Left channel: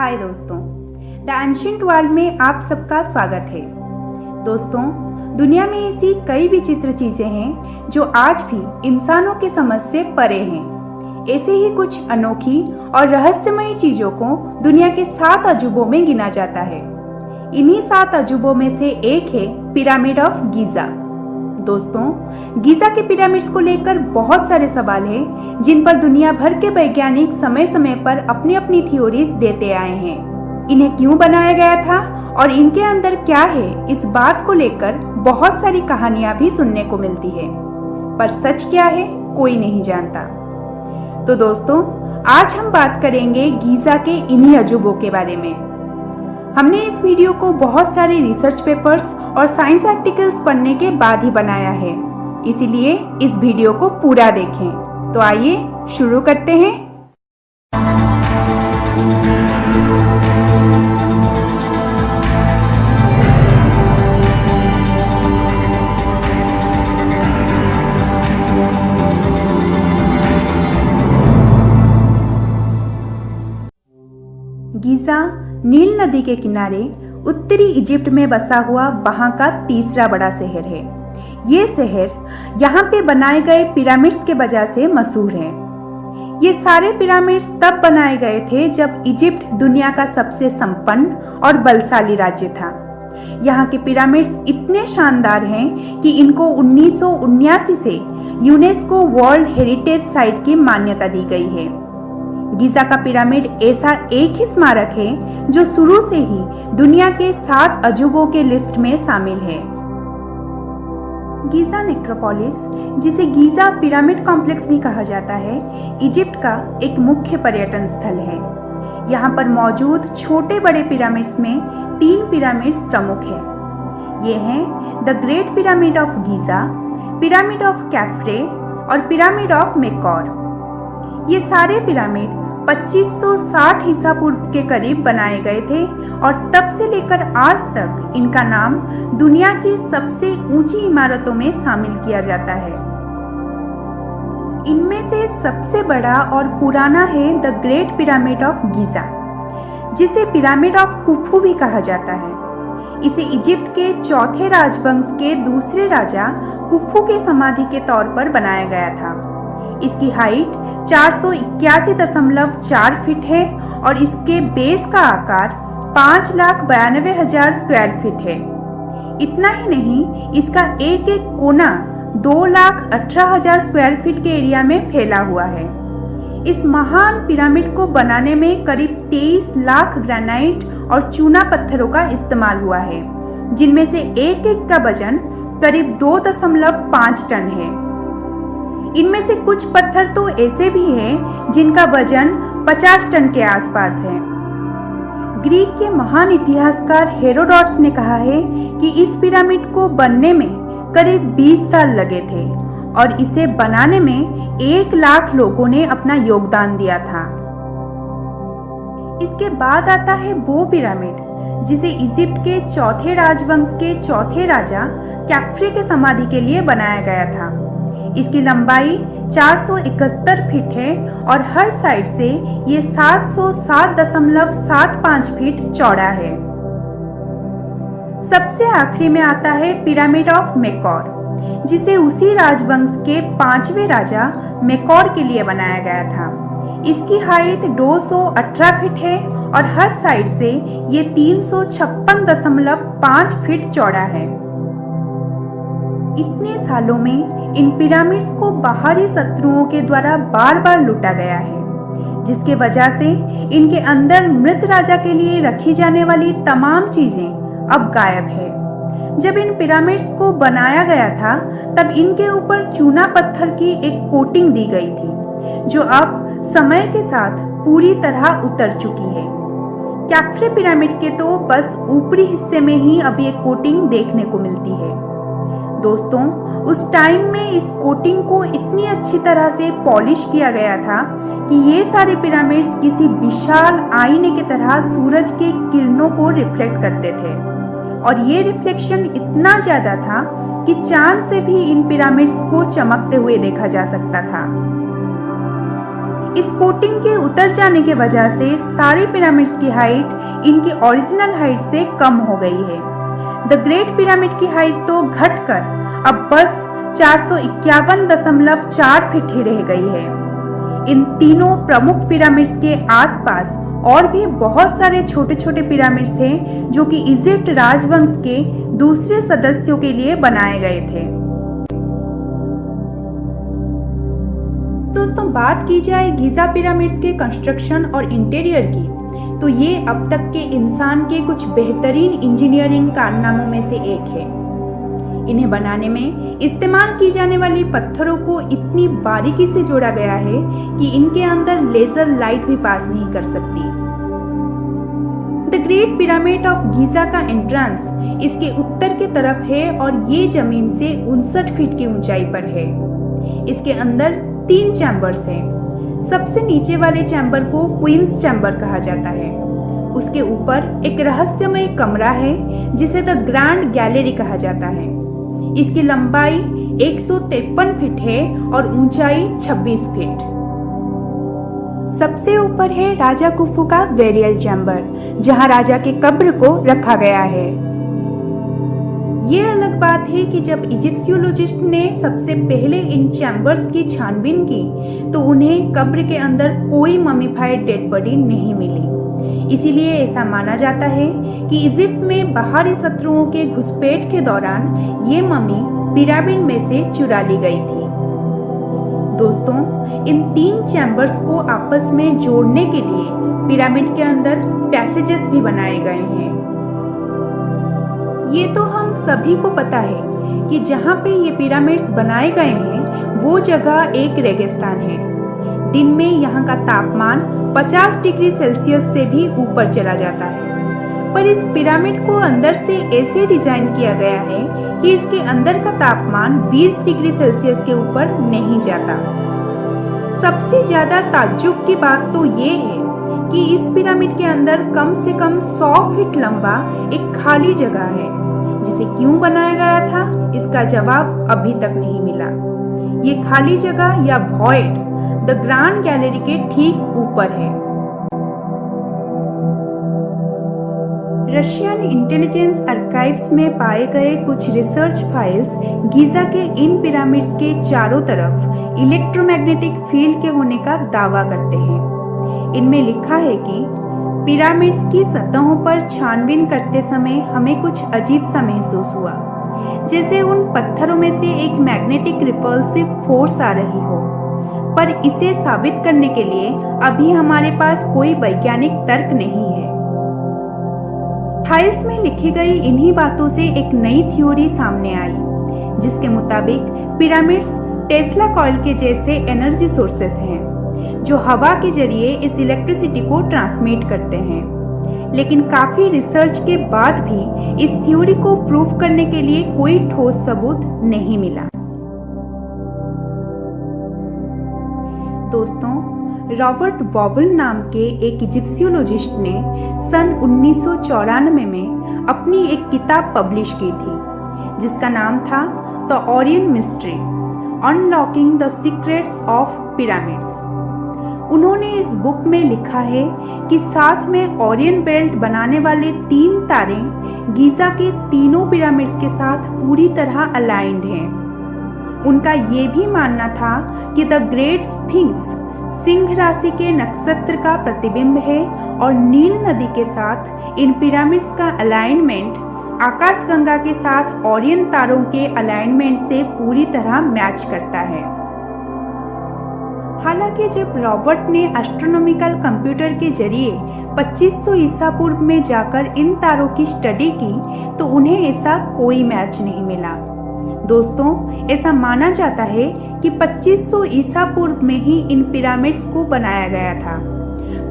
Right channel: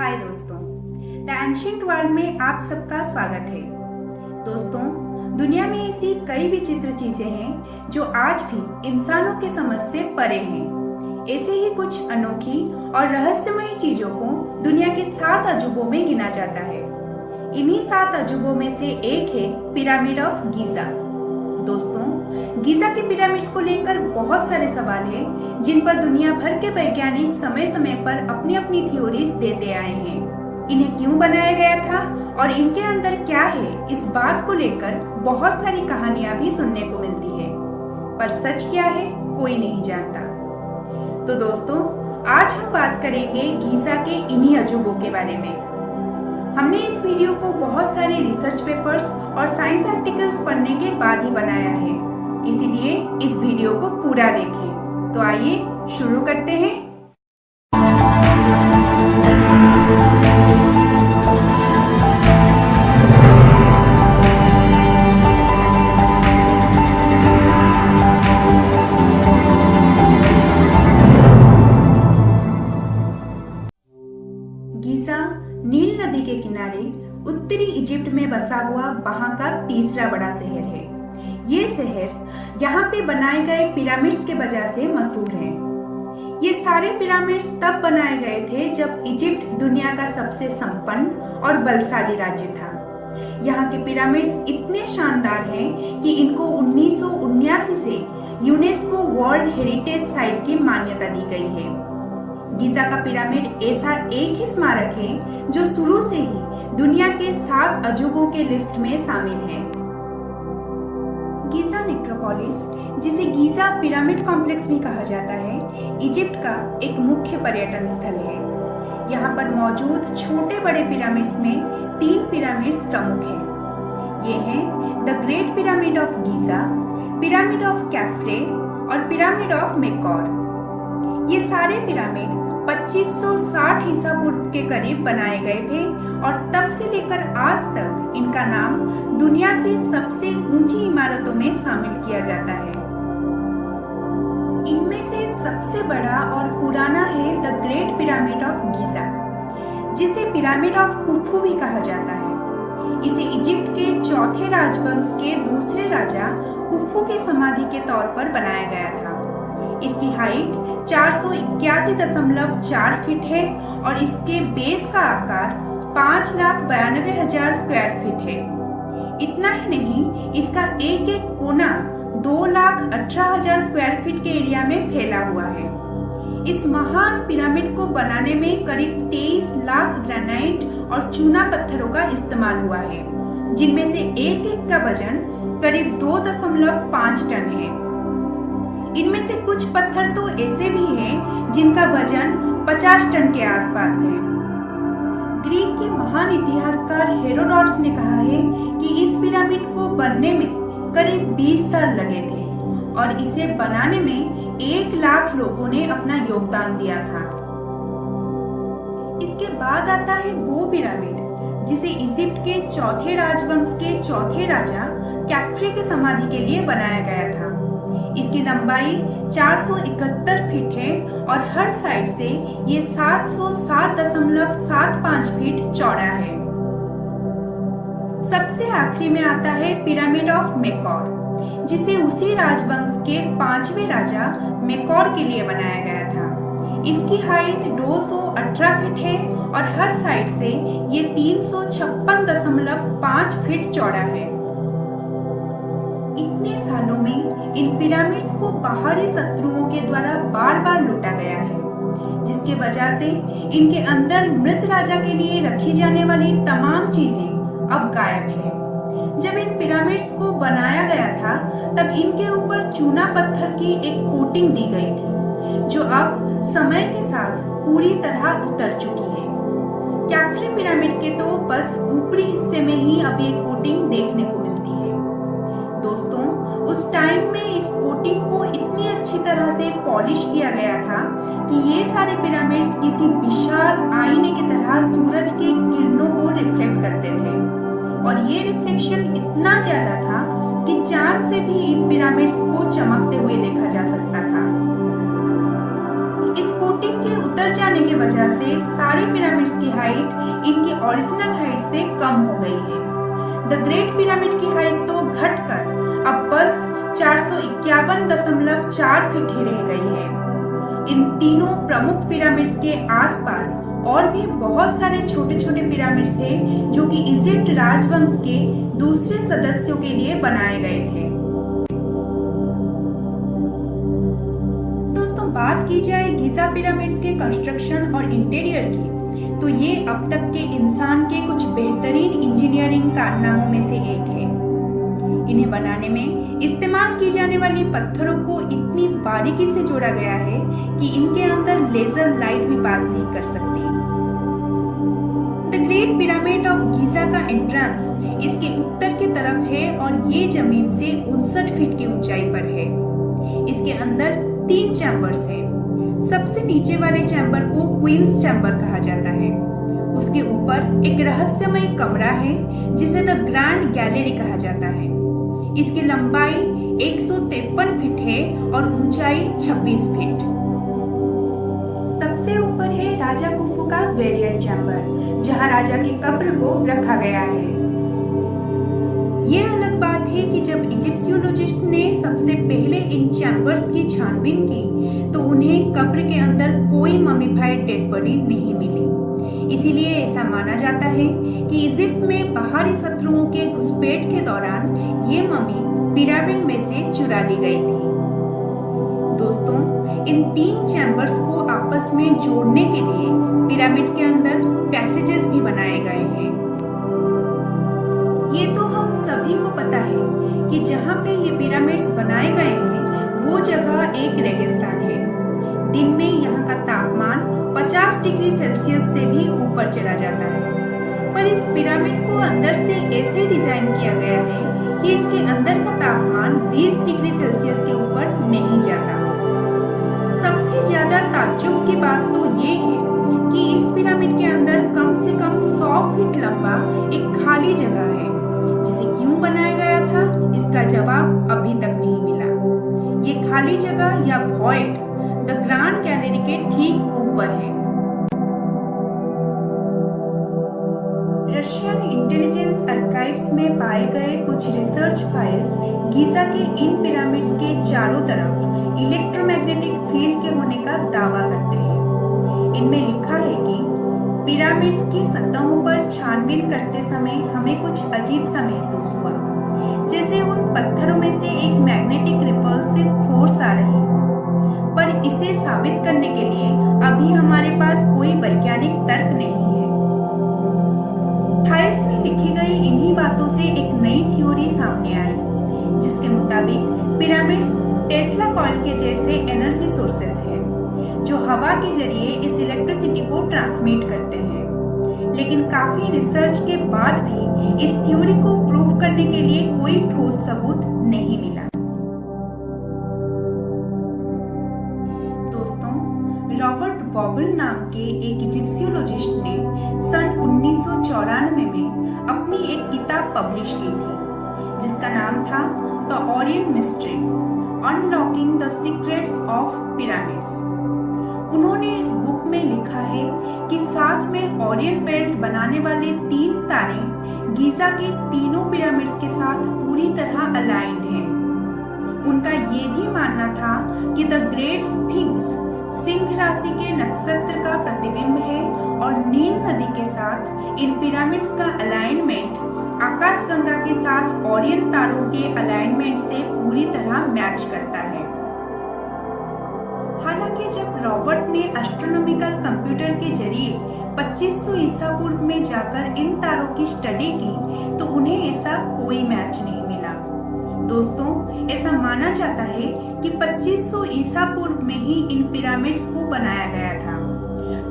हाय दोस्तों, the ancient world में आप सबका स्वागत है। दोस्तों, दुनिया में ऐसी कई विचित्र चीजें हैं जो आज भी इंसानों के समझ से परे हैं। ऐसे ही कुछ अनोखी और रहस्यमयी चीजों को दुनिया के 7 अजूबों में गिना जाता है। इन्हीं 7 अजूबों में से एक है पिरामिड ऑफ गीजा। दोस्तों, गीजा के पिरामिड्स को लेकर बहुत सारे सवाल हैं जिन पर दुनिया भर के वैज्ञानिक समय समय पर अपनी अपनी थ्योरीज देते आए हैं। इन्हें क्यों बनाया गया था और इनके अंदर क्या है, इस बात को लेकर बहुत सारी कहानियां भी सुनने को मिलती है, पर सच क्या है कोई नहीं जानता। तो दोस्तों, आज हम बात करेंगे गीजा के इन्हीं अजूबों के बारे में। हमने इस वीडियो को बहुत सारे रिसर्च पेपर्स और साइंस आर्टिकल्स पढ़ने के बाद ही बनाया है, इसीलिए इस वीडियो को पूरा देखें। तो आइए शुरू करते हैं। गीजा नील नदी के किनारे उत्तरी इजिप्ट में बसा हुआ वहां का तीसरा बड़ा शहर है। ये शहर यहाँ पे बनाए गए पिरामिड्स के वजह से मशहूर है। ये सारे पिरामिड्स तब बनाए गए थे जब इजिप्ट दुनिया का सबसे संपन्न और बलशाली राज्य था। यहाँ के पिरामिड्स इतने शानदार हैं कि इनको 1979 से यूनेस्को वर्ल्ड हेरिटेज साइट की मान्यता दी गई है। गीजा का पिरामिड ऐसा एक ही स्मारक है जो शुरू से ही दुनिया के 7 अजूबों के लिस्ट में शामिल है। गीजा नेक्रोपोलिस, जिसे गीजा पिरामिड कॉम्प्लेक्स भी कहा जाता है, इजिप्ट का एक मुख्य पर्यटन स्थल है। यहाँ पर मौजूद छोटे बड़े पिरामिड्स में 3 पिरामिड्स प्रमुख हैं। ये हैं the great pyramid of Giza, pyramid of Khafre और पिरामिड ऑफ मेकौर। ये सारे पिरामिड 2560 ईसा पूर्व के करीब बनाए गए थे और तब से लेकर आज तक इनका नाम दुनिया की सबसे ऊंची इमारतों में शामिल किया जाता है। इनमें से सबसे बड़ा और पुराना है the great pyramid of Giza, जिसे पिरामिड ऑफ कुफू भी कहा जाता है। इसे इजिप्ट के चौथे राजवंश के दूसरे राजा कुफू के समाधि के तौर पर बनाया गया था। इसकी हाइट 481.4 फीट है और इसके बेस का आकार 5,92,000 स्क्वायर फीट है। इतना ही नहीं, इसका एक एक कोना 2,18,000 स्क्वायर फीट के एरिया में फैला हुआ है। इस महान पिरामिड को बनाने में करीब 23 लाख ग्रेनाइट और चूना पत्थरों का इस्तेमाल हुआ है, जिनमें से एक एक का वजन करीब 2.5 टन है। इनमें से कुछ पत्थर तो ऐसे भी हैं जिनका वजन 50 टन के आसपास है। ग्रीक के महान इतिहासकार हेरोडोटस ने कहा है कि इस पिरामिड को बनने में करीब 20 साल लगे थे और इसे बनाने में 1 लाख लोगों ने अपना योगदान दिया था। इसके बाद आता है वो पिरामिड जिसे इजिप्ट के चौथे राजवंश के चौथे राजा कैफ्रे के समाधि के लिए बनाया गया था। इसकी लंबाई 471 फीट है और हर साइड से ये 707.75 फीट चौड़ा है। सबसे आखिरी में आता है पिरामिड ऑफ मेकौर, जिसे उसी राजवंश के 5वें राजा मेकौर के लिए बनाया गया था। इसकी हाइट 218 फीट है और हर साइड से ये 356.5 फीट चौड़ा है। इतने सालों में इन पिरामिड्स को बाहरी शत्रुओं के द्वारा बार बार लूटा गया है, जिसके वजह से इनके अंदर मृत राजा के लिए रखी जाने वाली तमाम चीजें अब गायब है। जब इन पिरामिड्स को बनाया गया था तब इनके ऊपर चूना पत्थर की एक कोटिंग दी गई थी, जो अब समय के साथ पूरी तरह उतर चुकी है। कैफ्रे पिरामिड के तो बस ऊपरी हिस्से में ही अब ये कोटिंग देखने को मिलती है। दोस्तों, उस टाइम में इस कोटिंग को इतनी अच्छी तरह से पॉलिश किया गया था कि ये सारे पिरामिड्स किसी विशाल आईने की तरह सूरज के किरणों को रिफ्लेक्ट करते थे और ये रिफ्लेक्शन इतना ज्यादा था कि चांद से भी इन पिरामिड्स को चमकते हुए देखा जा सकता था। इस कोटिंग के उतर जाने के वजह से सारे पिरामिड्स की हाइट इनकी ओरिजिनल हाइट से कम हो गई है। द ग्रेट पिरामिड की हाइट तो घटकर अब बस 451.4 फीट ही रह गई है। इन तीनों प्रमुख पिरामिड्स के आसपास और भी बहुत सारे छोटे छोटे पिरामिड्स हैं जो कि इजिप्ट राजवंश के दूसरे सदस्यों के लिए बनाए गए थे। दोस्तों, बात की जाए गीजा पिरामिड्स के कंस्ट्रक्शन और इंटीरियर की, तो ये अब तक के इंसान के कुछ बेहतरीन इंजीनियरिंग कारनामों में से एक है। इन्हें बनाने में इस्तेमाल की जाने वाली पत्थरों को इतनी बारीकी से जोड़ा गया है कि इनके अंदर लेजर लाइट भी पास नहीं कर सकती। The great pyramid of Giza का एंट्रेंस इसके उत्तर की तरफ है और ये जमीन से 59 फीट की ऊंचाई पर है। इसके अंदर 3 चैम्बर्स हैं। सबसे नीचे वाले चैम्बर को क्वींस चैम्बर कहा जाता है। उसके ऊपर एक रहस्यमय कमरा है जिसे द ग्रैंड गैलरी कहा जाता है। इसकी लंबाई 153 फीट है और ऊंचाई 26 फीट। सबसे ऊपर है राजा खुफू का बेरियल चैम्बर, जहां राजा के कब्र को रखा गया है। ये अलग बात है कि जब इजिप्शियोलॉजिस्ट ने सबसे पहले इन चैम्बर्स की छानबीन की तो उन्हें कब्र के अंदर कोई ममीफाइड डेड बॉडी नहीं मिली। इसीलिए ऐसा माना जाता है कि इजिप्ट में बाहरी शत्रुओं के घुसपैठ के दौरान ये मम्मी पिरामिड में से चुरा ली गई थी। दोस्तों, इन 3 चैम्बर्स को आपस में जोड़ने के लिए पिरामिड के अंदर पैसेजेस भी बनाए गए हैं। ये तो हम सभी को पता है कि जहाँ पे ये पिरामिड्स बनाए गए हैं वो जगह एक रेगिस्तान है। दिन में यहाँ का तापमान 50 डिग्री सेल्सियस से भी ऊपर चला जाता है, पर इस पिरामिड को अंदर से ऐसे डिजाइन किया गया है कि इसके अंदर का तापमान 20 डिग्री सेल्सियस के ऊपर नहीं जाता। सबसे ज्यादा ताज्जुब की बात तो ये है कि इस पिरामिड के अंदर कम से कम 100 फीट लंबा एक खाली जगह है, जिसे क्यों बनाया गया था इसका जवाब अभी तक नहीं मिला। ये खाली जगह या वॉइड द ग्रैंड गैलरी के ठीक ऊपर है। रशियन इंटेलिजेंस आर्काइव्स में पाए गए कुछ रिसर्च फाइल्स गीजा के इन पिरामिड्स के चारों तरफ इलेक्ट्रोमैग्नेटिक फील्ड के होने का दावा करते हैं। इनमें लिखा है कि पिरामिड्स की सतहों पर छानबीन करते समय हमें कुछ अजीब सा महसूस हुआ, जैसे उन पत्थरों में से एक मैग्नेटिक रिपल्सिव फोर्स आ रही हो, पर इसे साबित करने के लिए अभी हमारे पास कोई वैज्ञानिक तर्क नहीं है। फाइल्स में लिखी गई इन्हीं बातों से एक नई थ्योरी सामने आई, जिसके मुताबिक पिरामिड्स टेस्ला कॉइल के जैसे एनर्जी सोर्सेस हैं, जो हवा के जरिए इस इलेक्ट्रिसिटी को ट्रांसमिट करते हैं। लेकिन काफी रिसर्च के बाद भी इस थ्योरी को प्रूव करने के लिए कोई ठोस सबूत नहीं मिला। दोस्तों, रॉबर्ट वॉबल नाम के एक इजिप्शियोलॉजिस्ट ने सन 1994 में अपनी एक किताब पब्लिश की थी, जिसका नाम था the Orion mystery unlocking the secrets of pyramids. उन्होंने इस बुक में लिखा है कि साथ में ओरियन बेल्ट बनाने वाले 3 तारे गीजा के तीनों पिरामिड्स के साथ पूरी तरह अलाइंड हैं। उनका ये भी मानना था कि द ग्रेट स्फिंक्स सिंह राशि के नक्षत्र का प्रतिबिंब है और नील नदी के साथ इन पिरामिड्स का अलाइनमेंट आकाशगंगा के साथ ओरियन तारों के अलाइनमेंट से पूरी तरह मैच करता है। हालांकि जब रॉबर्ट ने एस्ट्रोनॉमिकल कंप्यूटर के जरिए 2500 ईसा पूर्व में जाकर इन तारों की स्टडी की तो उन्हें ऐसा कोई मैच नहीं मिला। दोस्तों, ऐसा माना जाता है कि 2500 ईसा पूर्व में ही इन पिरामिड्स को बनाया गया था,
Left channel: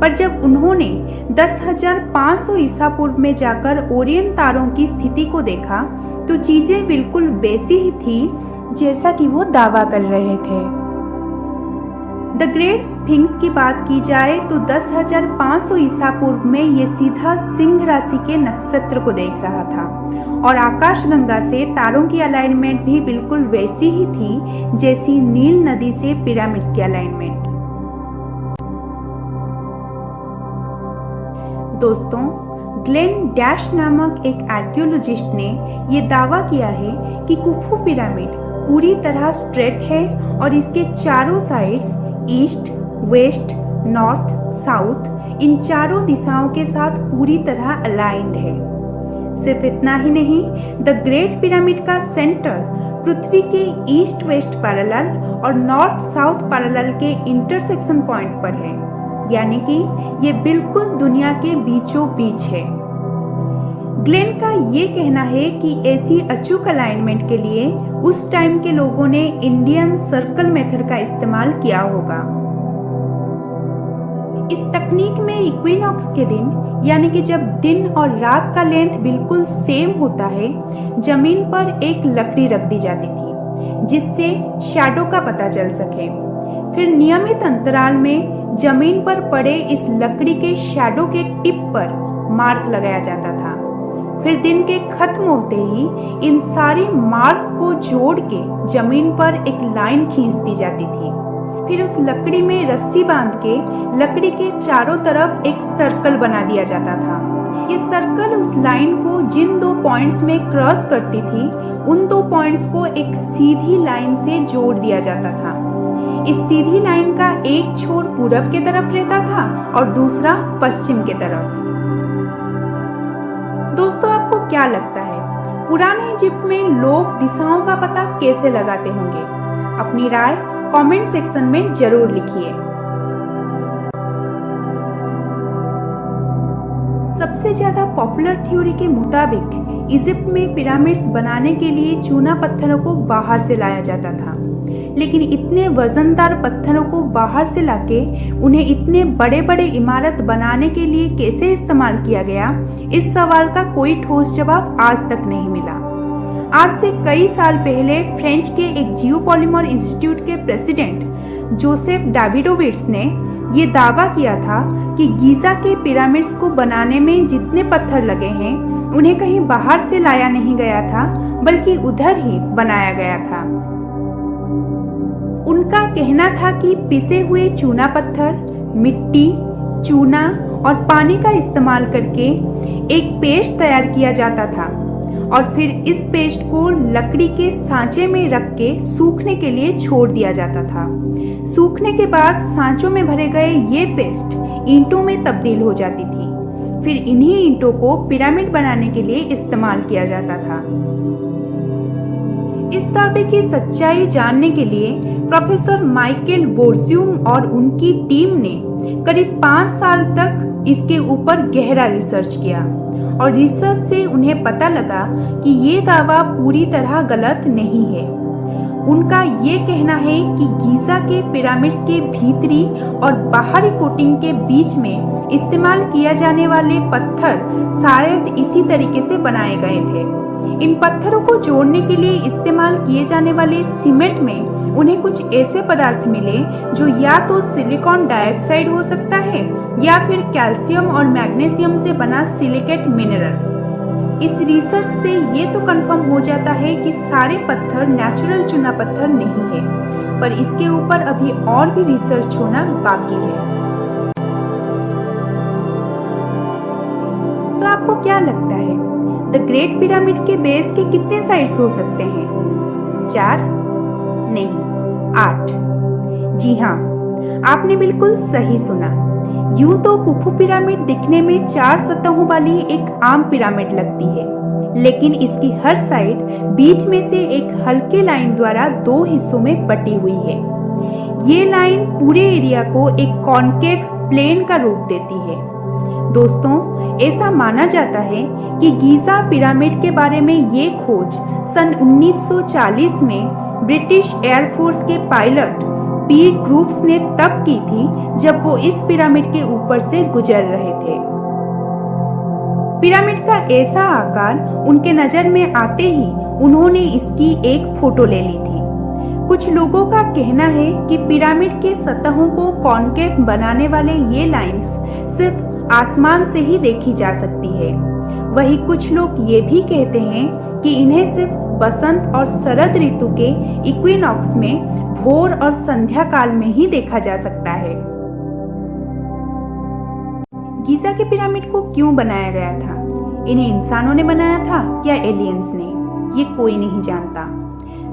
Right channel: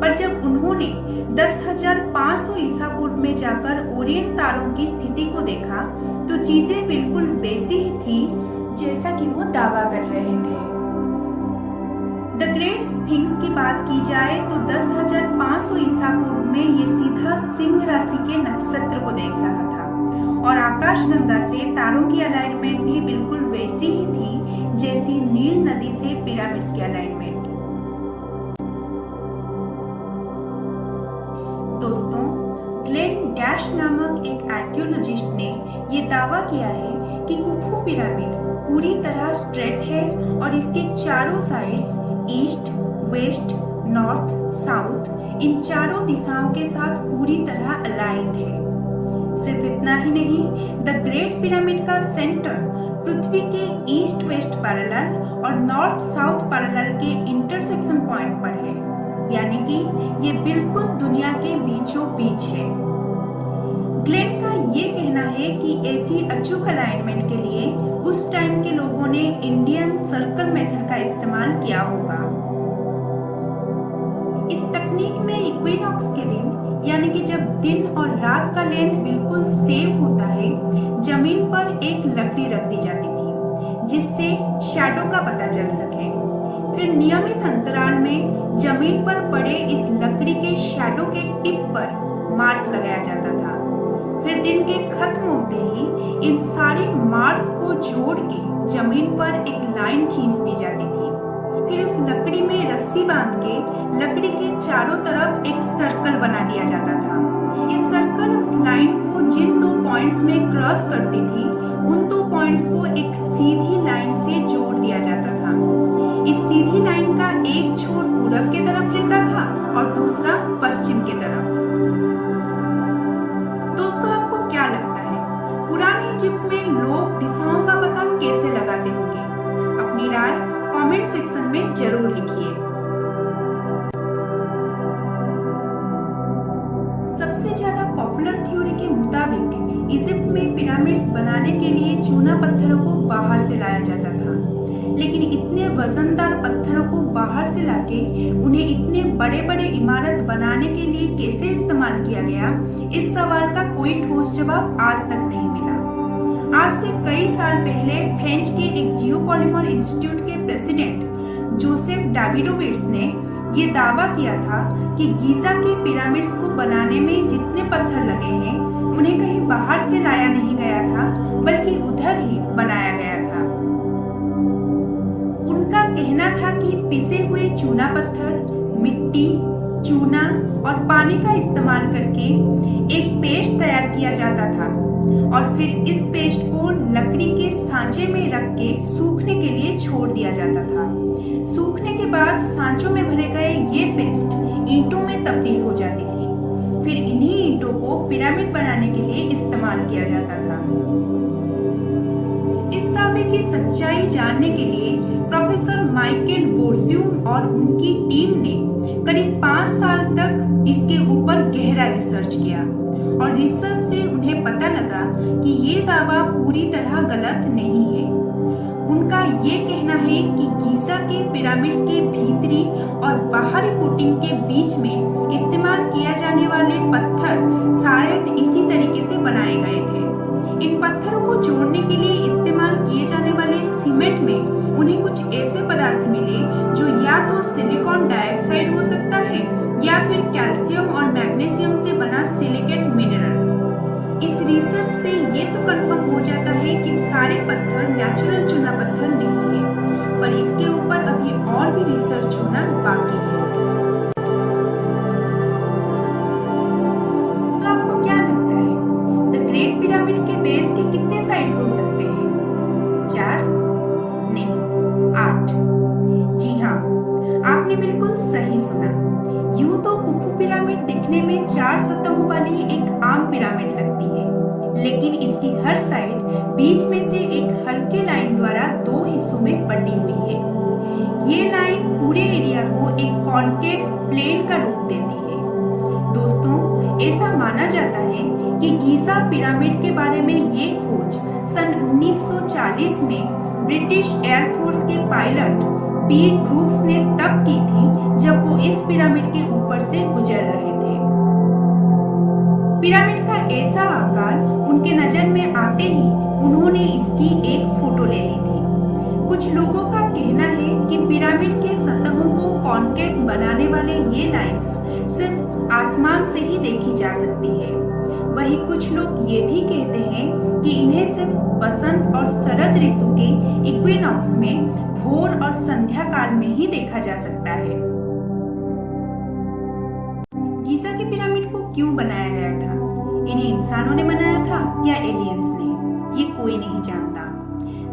पर जब उन्होंने 10,500 ईसा पूर्व में जाकर ओरियन तारों की स्थिति को देखा तो चीजें बिल्कुल वैसी ही थी जैसा कि वो दावा कर रहे थे। द ग्रेट स्फिंक्स की बात की जाए तो 10,500 ईसा पूर्व में ये सीधा सिंह राशि के नक्षत्र को देख रहा था और आकाशगंगा से तारों की अलाइनमेंट भी बिल्कुल वैसी ही थी जैसी नील नदी से पिरामिड्स की अलाइनमेंट। दोस्तों, ग्लेन डैश नामक एक आर्कियोलॉजिस्ट ने ये दावा किया है कि खुफू पिरामिड पूरी तरह स्ट्रेट है और इसके चारों sides east, west, north, south इन चारों दिशाओं के साथ पूरी तरह अलाइंड है। सिर्फ इतना ही नहीं, द ग्रेट पिरामिड का सेंटर पृथ्वी के ईस्ट वेस्ट पैरेलल और नॉर्थ साउथ पैरेलल के इंटरसेक्शन पॉइंट पर है, यानी कि ये बिल्कुल दुनिया के बीचों बीच है। ग्लेन का ये कहना है कि ऐसी अचूक अलाइनमेंट के लिए उस टाइम के लोगों ने इंडियन सर्कल मेथड का इस्तेमाल किया होगा। इस तकनीक में इक्विनॉक्स के दिन, यानी कि जब दिन और रात का लेंथ बिल्कुल सेम होता है, जमीन पर एक लकड़ी रख दी जाती थी जिससे शैडो का पता चल सके। फिर नियमित अंतराल में जमीन पर पड़े इस लकड़ी के शैडो के टिप पर मार्क लगाया जाता था। फिर दिन के खत्म होते ही इन सारी मार्क्स को जोड़ के जमीन पर एक लाइन खींच दी जाती थी। फिर उस लकड़ी में रस्सी बांध के लकड़ी के चारों तरफ एक सर्कल बना दिया जाता था। ये सर्कल उस लाइन को जिन 2 पॉइंट्स में क्रॉस करती थी, उन 2 पॉइंट्स को एक सीधी लाइन से जोड़ दिया जाता था। इस सीधी लाइन का एक छोर पूरब के तरफ रहता था और दूसरा पश्चिम के तरफ। दोस्तों, आपको क्या लगता है पुराने इजिप्ट में लोग दिशाओं का पता कैसे लगाते होंगे? अपनी राय कमेंट सेक्शन में जरूर लिखिए। सबसे ज्यादा पॉपुलर थ्योरी के मुताबिक इजिप्ट में पिरामिड्स बनाने के लिए चूना पत्थरों को बाहर से लाया जाता था, लेकिन इतने वजनदार पत्थरों को बाहर से लाके उन्हें इतने बड़े बड़े इमारत बनाने के लिए कैसे इस्तेमाल किया गया, इस सवाल का कोई ठोस जवाब आज तक नहीं मिला। आज से कई साल पहले फ्रेंच के एक जियोपॉलिमर इंस्टीट्यूट के प्रेसिडेंट जोसेफ डाविडोविट्स ने ये दावा किया था कि गीजा के पिरामिड्स को बनाने में जितने पत्थर लगे हैं, उन्हें कहीं बाहर से लाया नहीं गया था, बल्कि उधर ही बनाया गया था। उनका कहना था कि पिसे हुए चूना पत्थर, मिट्टी, चूना और पानी का इस्तेमाल करके एक पेस्ट तैयार किया जाता था और फिर इस पेस्ट को लकड़ी के सांचे में रख के सूखने के लिए छोड़ दिया जाता था। सूखने के बाद सांचों में भरे गए ये पेस्ट ईंटों में तब्दील हो जाती थी। फिर इन्हीं ईंटों को पिरामिड बनाने के लिए इस्तेमाल किया जाता था। इस दावे की सच्चाई जानने के लिए प्रोफेसर माइकल वोर्ज्यूम और उनकी टीम ने करीब 5 साल तक इसके ऊपर गहरा रिसर्च किया और रिसर्च से उन्हें पता लगा कि ये दावा पूरी तरह गलत नहीं है। उनका ये कहना है कि गीजा के पिरामिड्स के भीतरी और बाहरी कोटिंग के बीच में इस्तेमाल किया जाने वाले पत्थर शायद इसी तरीके से बनाए गए थे। इन पत्थरों को जोड़ने के लिए इस्तेमाल किए जाने वाले सीमेंट में उन्हें कुछ ऐसे पदार्थ मिले जो या तो सिलिकॉन डाइऑक्साइड हो सकता है या फिर कैल्शियम और मैग्नीशियम से बना सिलिकेट मिनरल। इस रिसर्च से ये तो कंफर्म हो जाता है कि सारे पत्थर नेचुरल चूना पत्थर नहीं है, पर इसके ऊपर अभी और भी रिसर्च होना बाकी है। तो आपको क्या लगता है, द ग्रेट पिरामिड के बेस के कितने साइड्स हो सकते हैं? 4? नहीं, 8। जी हाँ, आपने बिल्कुल सही सुना। यूं तो खुफू पिरामिड दिखने में 4 सतहों वाली एक आम पिरामिड लगती है, लेकिन इसकी हर साइड बीच में से एक हल्के लाइन द्वारा 2 हिस्सों में बटी हुई है। ये लाइन पूरे एरिया को एक कॉन्केव प्लेन का रूप देती है। दोस्तों, ऐसा माना जाता है कि गीजा पिरामिड के बारे में ये खोज सन 1940 में ब्रिटिश एयरफोर्स के पायलट पी ग्रुप्स ने तब की थी जब वो इस पिरामिड के ऊपर से गुजर रहे थे। पिरामिड का ऐसा आकार उनके नजर में आते ही उन्होंने इसकी एक फोटो ले ली थी। कुछ लोगों का कहना है कि पिरामिड के सतहों को कॉन्केव बनाने वाले ये लाइंस सिर्फ आसमान से ही देखी जा सकती है। वहीं कुछ लोग ये भी कहते हैं कि इन्हें सिर्फ बसंत और शरद ऋतु के इक्विनॉक्स में भोर और संध्या काल में ही देखा जा सकता है। गीज़ा के पिरामिड को क्यों बनाया गया था? इन्हें इंसानों ने बनाया था या एलियंस ने? ये कोई नहीं जानता।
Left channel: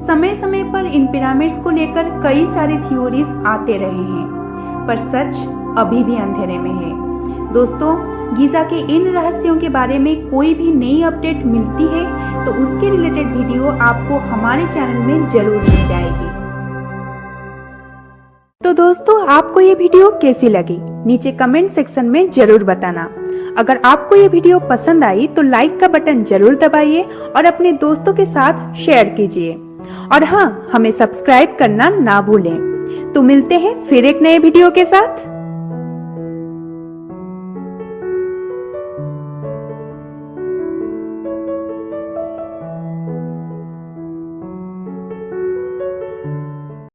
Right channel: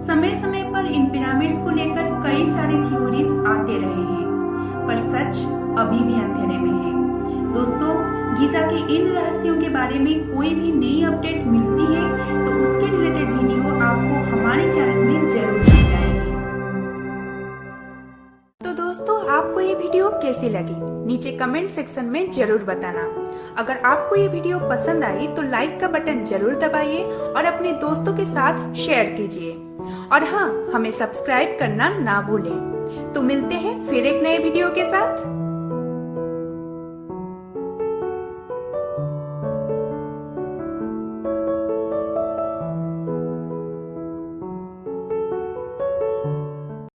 समय समय पर इन पिरामिड्स को लेकर कई सारी थ्योरीज आते रहे हैं, पर सच अभी भी अंधेरे में है। दोस्तों, गीज़ा के इन रहस्यों के बारे में कोई भी नई अपडेट मिलती है तो उसके रिलेटेड वीडियो आपको हमारे चैनल में जरूर मिल जाएगी। तो दोस्तों, आपको ये वीडियो कैसी लगी नीचे कमेंट सेक्शन में जरूर बताना। अगर आपको ये वीडियो पसंद आई तो लाइक का बटन जरूर दबाइए और अपने दोस्तों के साथ शेयर कीजिए। और हाँ, हमें सब्सक्राइब करना ना भूलें। तो मिलते हैं फिर एक नए वीडियो के साथ।